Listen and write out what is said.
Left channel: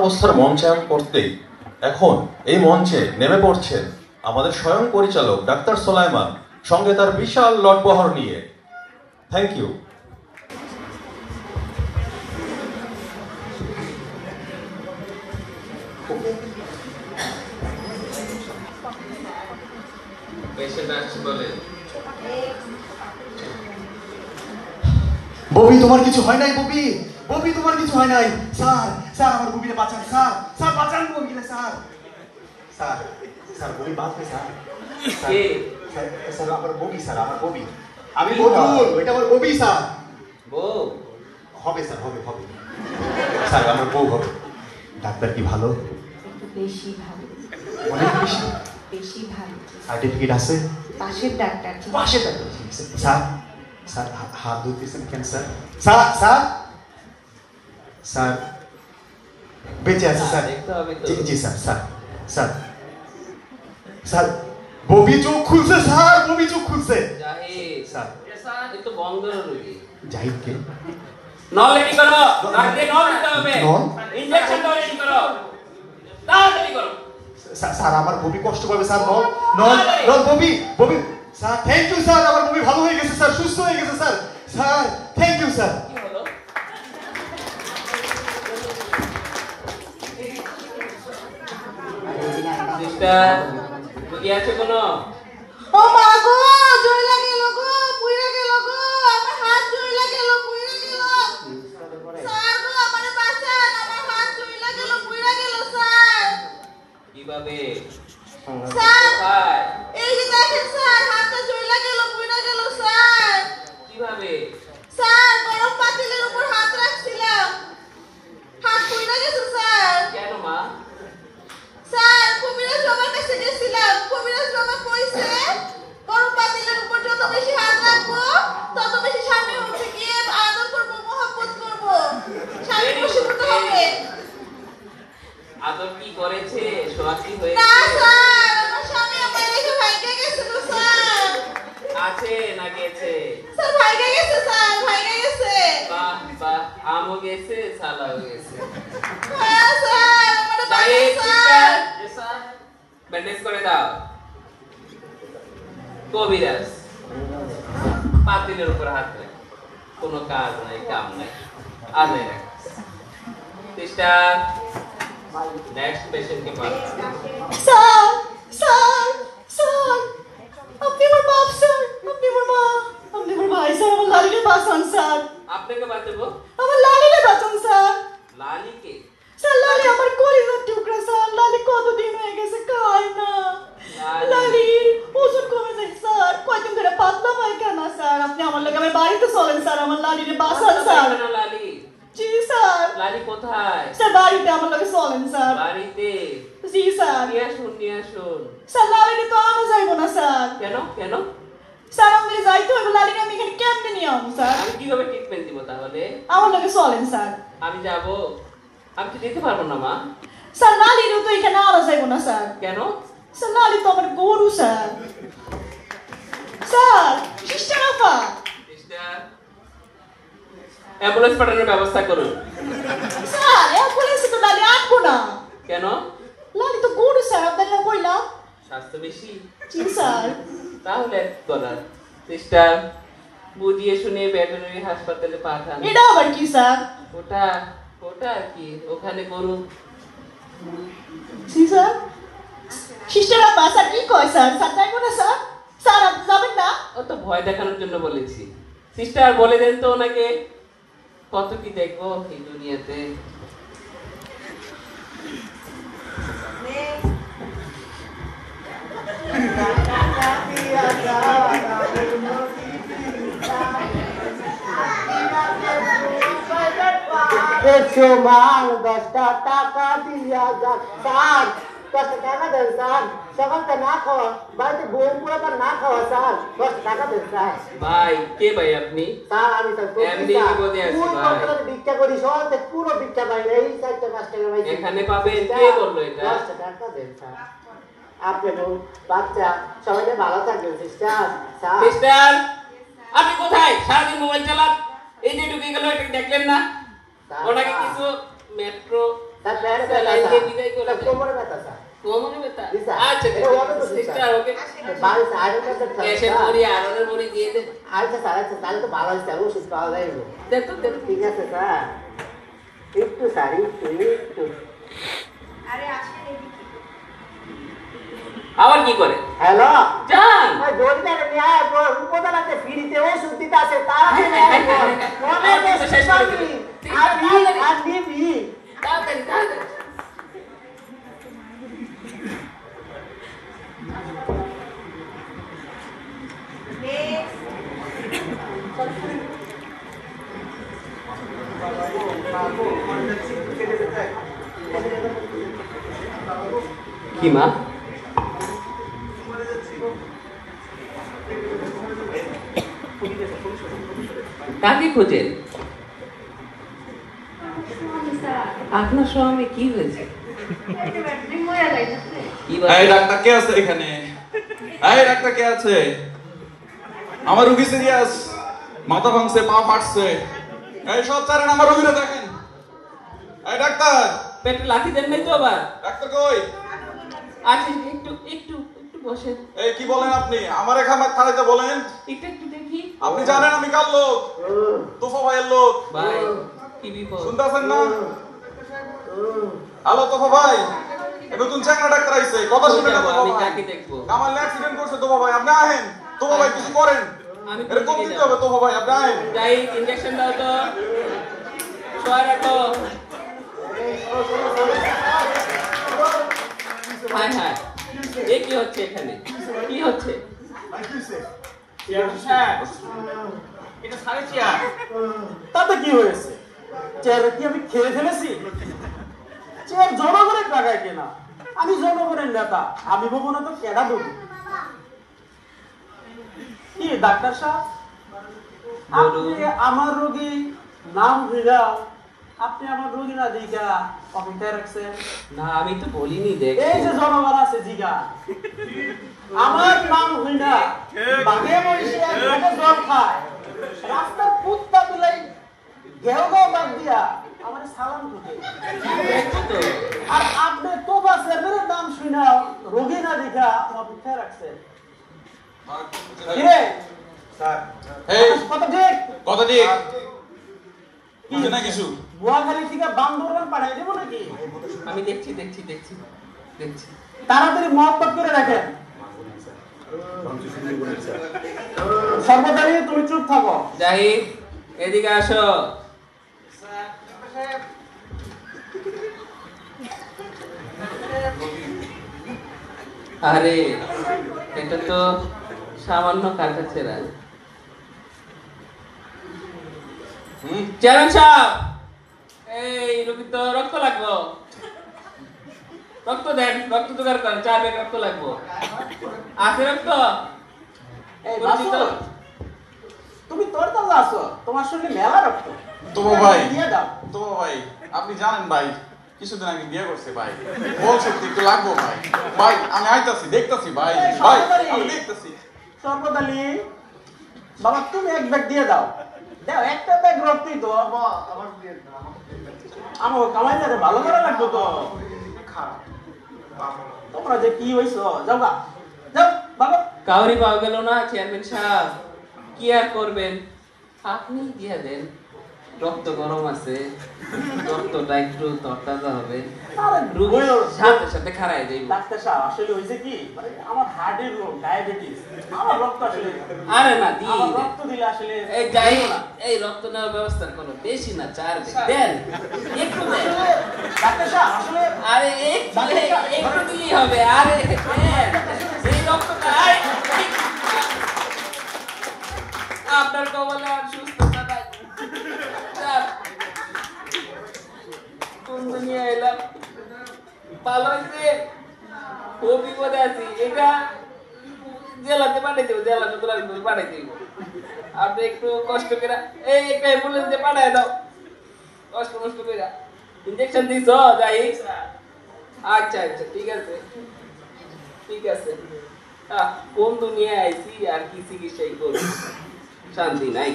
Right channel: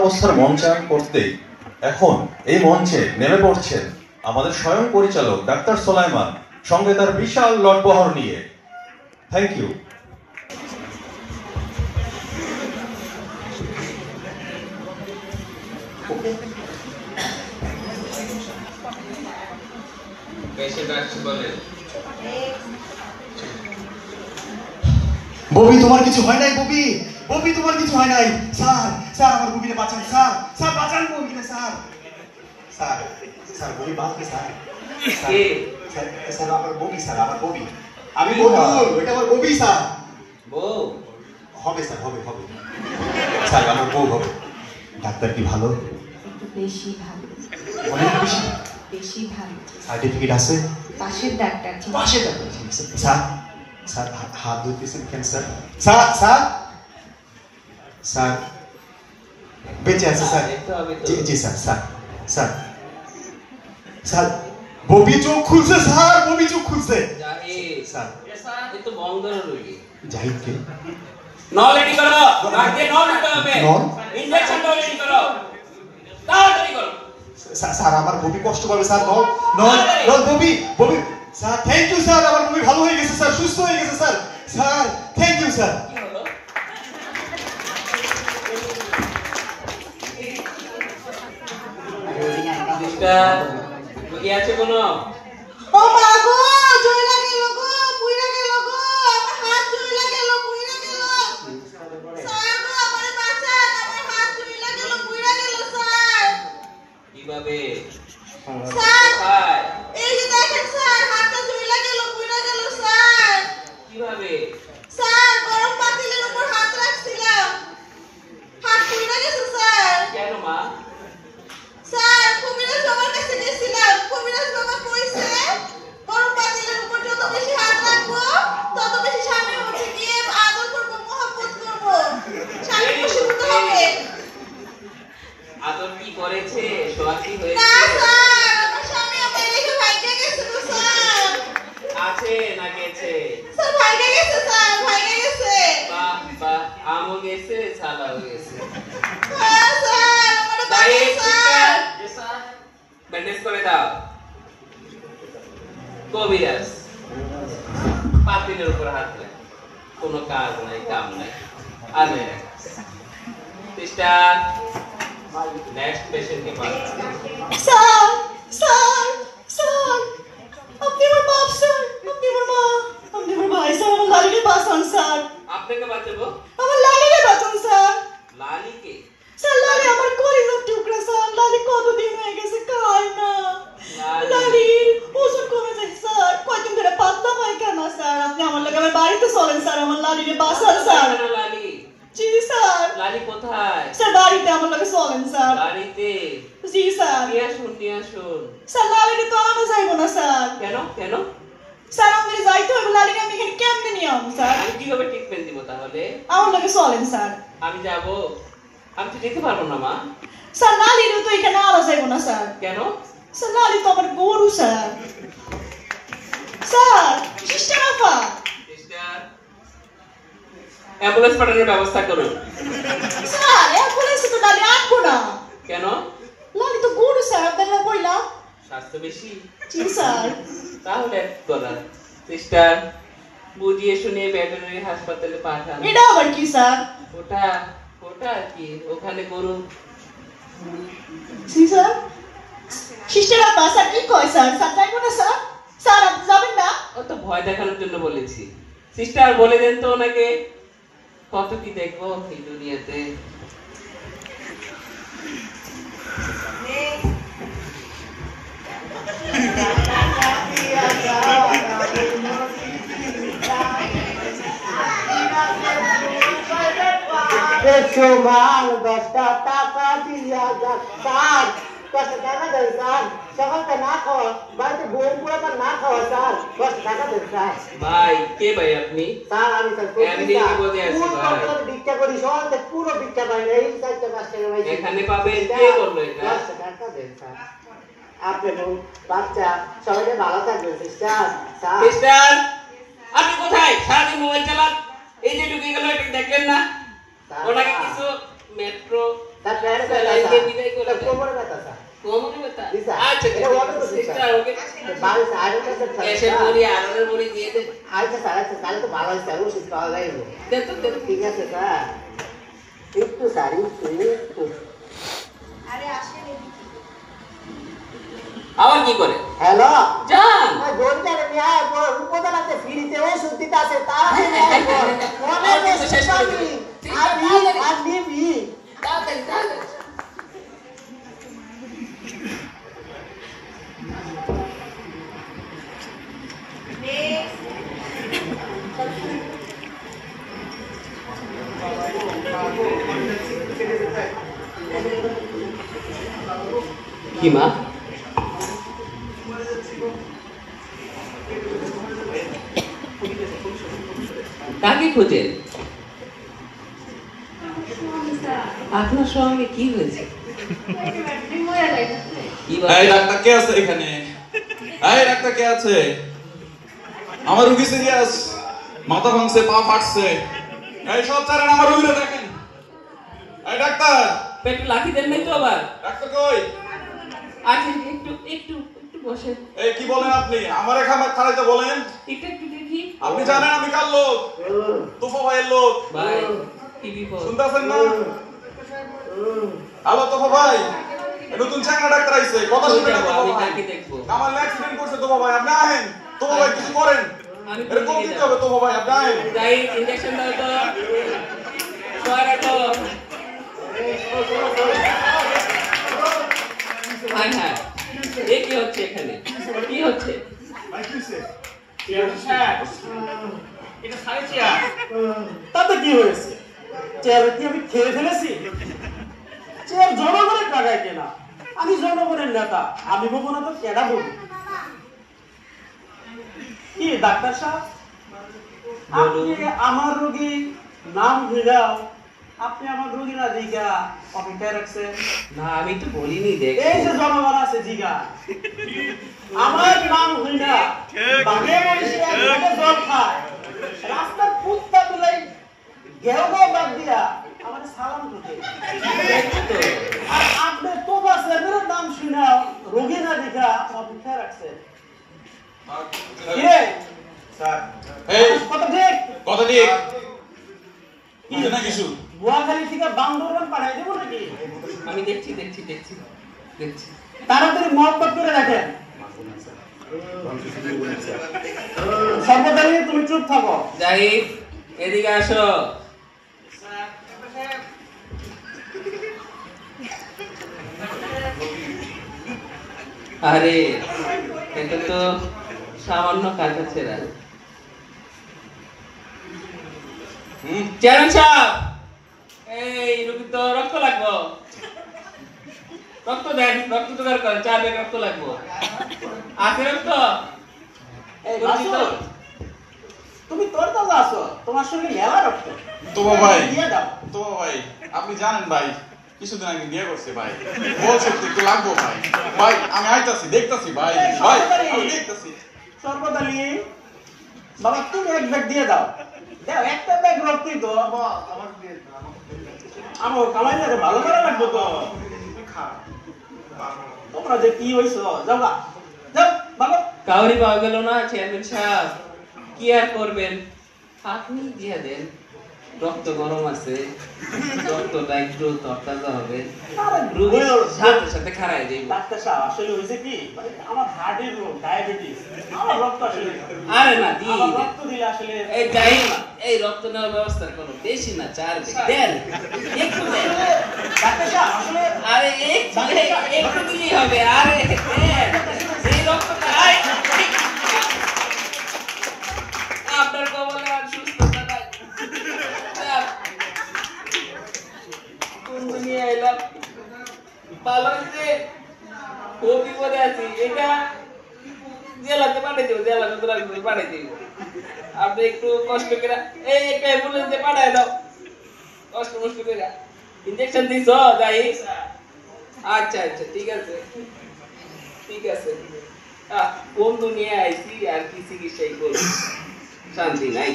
অবস্থার মঞ্চায়ন করতেই এখন এই মঞ্চে নেমে পড়ছেন আমাদের স্বয়ং পরিচালক ডাক্তার সোলাইমান, সঙ্গে তার বিশাল লটবহর নিয়ে। Thank you. ববি, তোমার কিছু হয় নাই? ববি, ববি, তোমার কিছু হয় নাই? স্যার, স্যার, আমার ববিকে বাঁচান স্যার, স্যার বাঁচান ববিকে স্যার, স্যার, স্যার ববি বাঁচবে স্যার, স্যার, স্যার আমার ববি, স্যার আমার ববি, আমি বলবো এটা আমার ববি স্যার। বউ হবে স্যার, হবে হবে স্যার, আমার বউ হবে। ডাক্তার কি ভালো? একটু বেশি ভালো, অনেক বেশি, বেশি ভালো। সার্টিফিকেট আছে? পাশের ডাক্তার, পাশের ডাক্তার, ঠিক আছে স্যার। স্যার হাত ধরতেছেন কেন স্যার? স্যার, স্যার, স্যার বেঁচে আছে স্যার? জি জি sir, sir, sir, sir Bobby চোখ খুলছে স্যার, ববি চোখ খুলছে স্যার। তো বন্ধ রইলি জাহিদ কে নল রেডি করো, আগে নল দিতে হবে, ইনজেকশনটা রেডি করো, তাড়াতাড়ি করো স্যার। আমার ববি কষ্ট পাবে স্যার, নল নল নল ববি, ববি স্যার। থ্যাংক ইউ স্যার, আমার ববি ভালো হয়ে গেছে স্যার, সুস্থ হয়ে গেছে sir, sir thank you sir. কি হলো? সিস্টার কি আছে কোনো? ও মা গো, জয়লা গেল গো, পুইরা গেল গো, আমার হাত জয়লা গেল, পুইরা গেল। স্যার গো, আমারে বাঁচান, আমার হাত জয়লা গেল, পুইরা গেল স্যার। কিভাবে? স্যার, এই যে দেখেন স্যার, হাতটা জয়লা গেল, পুইরা গেল স্যার। কিভাবে? স্যার, গরম পাতিলের উপর হাত রাখছিলাম, হাত পুইরা গেছে স্যার। কেন মা? স্যার, কবিরাজ বাবার কাছে গেছিলাম, কবিরাজ বাবা কইছে গরম পাতিলের উপর যত বেশি হাত রাখবো তত বেশি স্বামী উঠে গিয়ে আদর করবো, মহব্বত করবো, স্বামী খুশি হবে। আদর কি করেছে? সোনাকি হয়েছে? না স্যার, আমার স্বামী আমার রেখে ভাইগে গেছে গো স্যার। আছে না গেছে? স্যার ভাইগে গেছে স্যার, ভাইগে গেছে। বাহ বাহ, আমও গেছে, ছালাও গেছে। হ্যাঁ স্যার, আমারে তাই বাঁচান স্যার। স্যার ব্যান্ডেজ করে দাও। কবিরাজ পাতিলের উপর হাত রাখ, কোনো কাজ নাই, কাম নাই, আর নাই রাখ। সিস্টার নেক্সট পেশেন্টকে পাঠাও। স্যার, স্যার, স্যার, আপনি আমার বাপ স্যার, আপনি আমার মা, আপনি আমার ভাই স্যার, আমার লালিকে বাঁচান স্যার, আপনাকে বাঁচাবো? আমার লালিকে বাঁচান স্যার। লালিকে? স্যার, লালি আমার কলিজার টুকরা স্যার, লালি কতদিন হয়ে গেছে খায় না, লালির ওজন কমে যায় স্যার, কয়দিন ধরে পাতলা পায়খানা স্যার, আপনি আমার লাগে আমার বাড়িতে চলেন স্যার, আমার লালিকে বাঁচান স্যার। লালি? জি স্যার। লালি কোথায়? স্যার বাড়িতে আমার লাগে চলেন স্যার। বাড়িতে? জি স্যার। নিয়ে আসুন, নিয়ে আসুন। স্যার লালিকে তো আনা যাইব না স্যার। কেন কেন? স্যার আমি যাইতে হবে, লালিকে আমি এখানে কেমনে নিয়ে আসবো স্যার? আমি কিভাবে ট্রিটমেন্ট দিব তাহলে? আমার লাগে চলেন স্যার। আমি যাব? আমি তো যেতে পারবো না মা। স্যার লালিকে তো এখানে আনা যাইব না স্যার। কেন? স্যার লালি তো আমার গরু স্যার। স্যার, সিস্টার আপা, সিস্টার অ্যাম্বুলেন্স পাঠানোর ব্যবস্থা করুন। স্যার অ্যাম্বুলেন্সে তো লালি আনবো না। কেন? লালি তো গরু স্যার, আপনাকে কইলাম। স্বাস্থ্য বেশি? জি স্যার। তাহলে এক করার। সিস্টার বুঝিয়ে শুনিয়ে ভেটেরিনারি হাসপাতালে পাঠান। এটা আবার কি স্যার? ওটা ওটা কি ওখানে গরু? জি স্যার। সিস্টার আপা, স্যার কি কয় স্যার? স্যার যাইবো না স্যার? স্যার আপনি যাবেন না? ও তো ভয় দেখানোর জন্য বলেছি। সিস্টার বলে দেন তো ওনাকে, কত কি দেখবো এই দুনিয়াতে। মাল 10টা টাকা দিয়া যা স্যার, 10 টাকা দেন স্যার, সকালটা না খাওয়া, বাড়িতে বই পুরাটা না খাওয়া স্যার, 10 টাকা দেন স্যার। ভাই কে ভাই আপনি? স্যার আমি স্যার এমনি বিপদে আছি ভাই। ভিক্ষা করি, সকালতে পুরো ভিক্ষা পাই না, এই 4টা 5 টাকা পাইছি। এখানে পাবেন, কে বললো এটা? 10 টাকা দেন স্যার। আপনি বাচ্চা সবাই ভালো থাকবেন সিস্টার। সিস্টার আপনি কোথায়? সারাদিন মোবাইল চালান, এই যে ঢুকে গেল, এটা দেখলেন না? ওনাকে কিছু মেট্রো স্যার দিয়ে বিদায় করে দেন। কোমরে ব্যথা স্যার কোমরে ব্যথা? জি, স্যার। আচ্ছা, এটা ওকে তো সিস্টার, ওকে। বাড়ি স্যার গ্যাসের বড়ি, আলুর বড়ি দিয়ে দেন। আচ্ছা স্যার, আচ্ছা তাহলে তো ভালো হয়েছে, ওষুধ পাওয়া যাইব। দেন তো, দেন। ঠিক আছে স্যার, একটু স্যার একটু। আরে আসেন এদিকে। আবার কি করে? হ্যালো যান। জোরদার ন্যায় উপদান আছে, ফ্রিতে ওষুধ দিতে আছে, তাড়াতাড়ি ন্যায় কর। অনেক ওষুধ পাবি, আর নিবি। তাড়াতাড়ি, তাড়াতাড়ি। কি মা? কাকে খোঁজেন? আপনার স্বামী কি হয়েছে? কি এই বলে? ডাক্তার কে আছে এখানে? এই ডাক্তার কে আছে? আমার রোগী সিরিয়াস, মাথা ভাঙছে, পা ফাটছে। এই সব ছাড়েন, আমার রোগীরা দেখেন। এই ডাক্তার, পেটে লাথি দেন নাই তো আবার? ডাক্তার কই? আচ্ছা, একটু একটু একটু বসে এই কি বলেন আপনি? আমার এখানে থানাতে বলেন। একটু একটু দেখি। আপনি জানেন আমি কার লোক? তোফা ভাইয়ের লোক। ভাই, কি বিপদ? শুনতেছেন না? হ্যালো তোফা ভাই, এই নতুন চাকরা ডাক্তার আইছে, কথা শুনে না তোফা আমি ভাই। কাকে দেখবো? আমার অ্যাক্সিডেন্ট করছে তোফা ভাই, আপনি আহেন। তোফা ভাই কিছু করেন। আমি এটা কোন দিতে হবে তোফা ভাই, আপনি আহেন। যাই, ইনজেকশন দাও তো। সরা তো। হ্যাঁ হ্যাঁ, এ কি হচ্ছে এখানে? কি হচ্ছে? তাতে কি হয়েছে? চেয়ার কি আমি খেয়ে ফেলেছি? চেয়ার জনগণের টাকায় কেনা, আমি জনগণের নেতা, আমি বলবো না তো কেডা বলবো? কি ডাক্তার সাহেব, আপনি আমার রোগী নাম ভিড়া, আপনি আমার রোগী না দিঘা অপেক্ষায় রাখছেন? না, আমি তো বলিনি, দেখ। এই যে জনগণ আছে জিগা, আমার নাম হইনা বাগে বসে একসাথে জল খায়, রাস্তার কুত্তা তুলাই ঘেউ ঘেউ বাদ দিয়া আমার সালাম করতে, আর আপনি তো বাসের নাম শুনা রোগী না দেখা অপেক্ষায় রাখছেন। কিরে এই কত ঠিক কথা ঠিক বুঝে না কিছু? বুয়াখালী থেকে বান্দরবান পাঠাই দেবো নাকি? আমি দেখছি দেখছি দেখছি দেখছি। তাড়াতাড়ি মহব্বত করে রাখেন। সর্বদাই তুমি চুপ থাকো। জাহিদ, এদিকে আসো। আরে, এটা তো সামান্য কাটা ছেঁড়া। চেয়ারম্যান সাহেব, এই রোগী তো রক্ত লাগবো। রক্ত দেন, রক্ত জোগাড় করেন, 4 ব্যাগ রক্ত লাগবো। আছে রক্ত? এই বাসু, তুমি তোর তাজা আছো, তোমার সঙ্গে মেলা রক্ত। তোফা ভাই, দিয়ে দাও। তোফা ভাই, আপনি জানেন ভাই, কিছুদিন আগে বিয়ে করছে ভাই, বল সত্যি একটু লাগবো ভাই। ভাই আমি আইতাছি, দেখতাছি ভাই, ভাই আমি দেখতাছি। সর্বদালি বাবা, তুমি এক ব্যাগ দিয়ে দাও। দাও, একটা ব্যাগ রক্তই তো আমার কামাই না, ভালো করে রাখবো তো। তোমরা যে কি হইছো, যাও গা, যাও বাবা। কাউরি পাওয়া গেল না চেয়ারম্যান সাহেব, কি আর করবেন, আপনি দিয়ে দেন। রক্ত গরম আছে, রক্তটা একটু তরতাজা হবে, রোগী সাথে সাথে খারাই যাইব। ডাক্তার সাহেব, আসলে হইছে কি, মানে আমার হার্টের রোগ, ডায়াবেটিস, আমার রক্ত আসলে, আরে না, দিয়ে আমার দেন। রক্ত দিলে আসলে এই যাই না, এই রক্ত নেওয়ার ব্যবস্থা করো, বেশি না, 4 ব্যাগ দেন, একটু দেন। ডাক্তার সাহেব আসলে আরে একটু দিলেই হবে, আরে দেন, এই রক্তটা, আরে, আপনার কবলে আর সুস্থতা নাই। কোন দুনিয়া এলাম, ভালো হয়েছে, খুব বিপদে আছি। এটা জেলাতে পাঠিয়ে দেবো, জেলাতে পাঠিয়ে দিব। আপনি একটু কষ্ট করে এই একটা অ্যাম্বুলেন্সে পাঠায় দাও, কষ্ট মষ্ট করে। ইনজেকশন দিছ যাই? আচ্ছা আচ্ছা, ঠিক আছে ঠিক আছে। কোন দুনিয়ায় আইছি, আর কি চিকিৎসাই করবো, শান্তি নাই।